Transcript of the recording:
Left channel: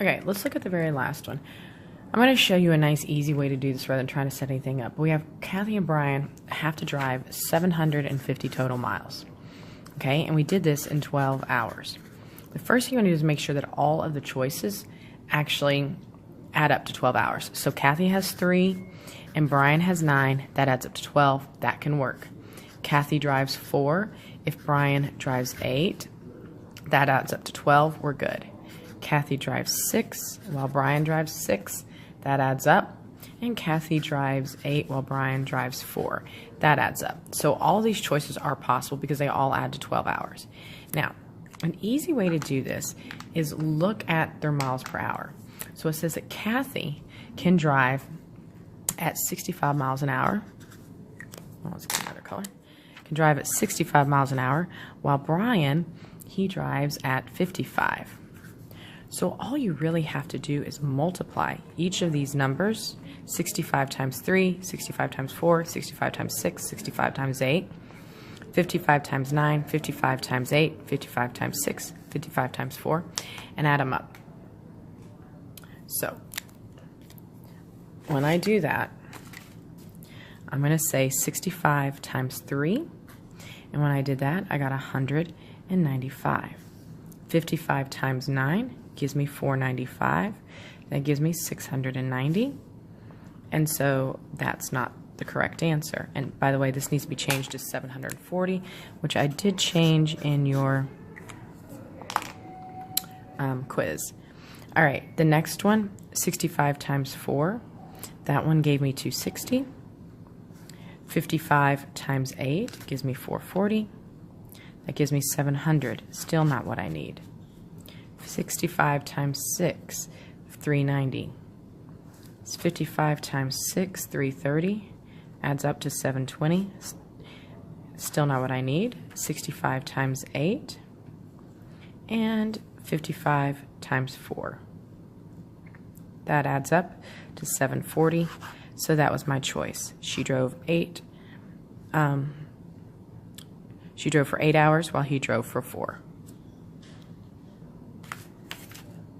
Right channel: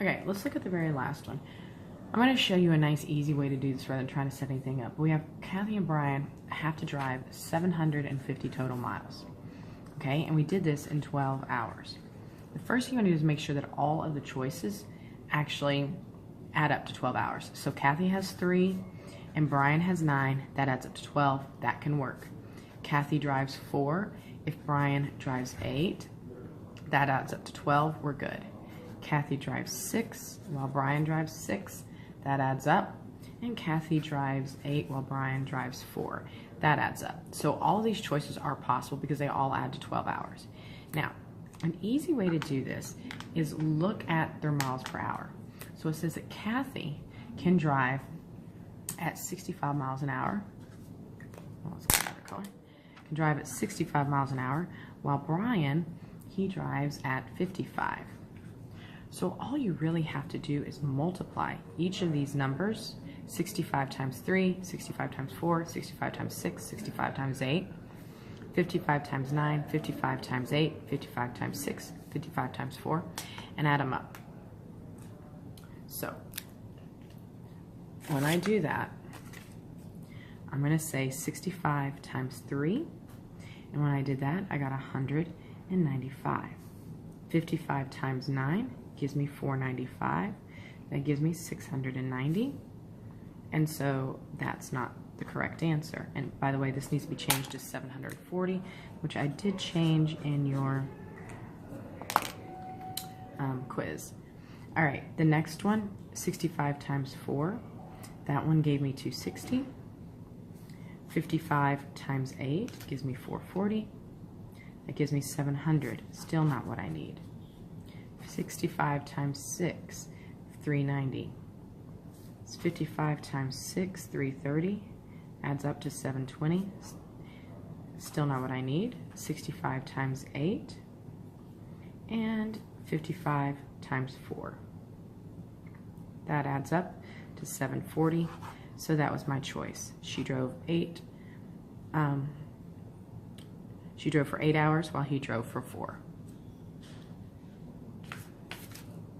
Okay, let's look at the very last one. I'm going to show you a nice, easy way to do this rather than trying to set anything up. We have Kathy and Brian have to drive 750 total miles. Okay, and we did this in 12 hours. The first thing you want to do is make sure that all of the choices actually add up to 12 hours. So Kathy has 3 and Brian has 9. That adds up to 12. That can work. Kathy drives 4. If Brian drives 8, that adds up to 12. We're good. Kathy drives 6 while Brian drives 6. That adds up. And Kathy drives 8 while Brian drives 4. That adds up. So all these choices are possible because they all add to 12 hours. Now, an easy way to do this is look at their miles per hour. So it says that Kathy can drive at 65 miles an hour. Oh, let's get another color. Can drive at 65 miles an hour, while Brian, he drives at 55. So all you really have to do is multiply each of these numbers, 65 times 3, 65 times 4, 65 times 6, 65 times 8, 55 times 9, 55 times 8, 55 times 6, 55 times 4, and add them up. So when I do that, I'm going to say 65 times 3, and when I did that, I got 195. 55 times 9 gives me 495. That gives me 690. And so that's not the correct answer. And by the way, this needs to be changed to 740, which I did change in your quiz. All right, the next one, 65 times 4. That one gave me 260. 55 times 8 gives me 440. That gives me 700. Still not what I need. 65 times 6, 390. 55 times 6, 330. Adds up to 720. Still not what I need. 65 times 8. And 55 times 4. That adds up to 740. So that was my choice. She drove 8. She drove for 8 hours while he drove for 4.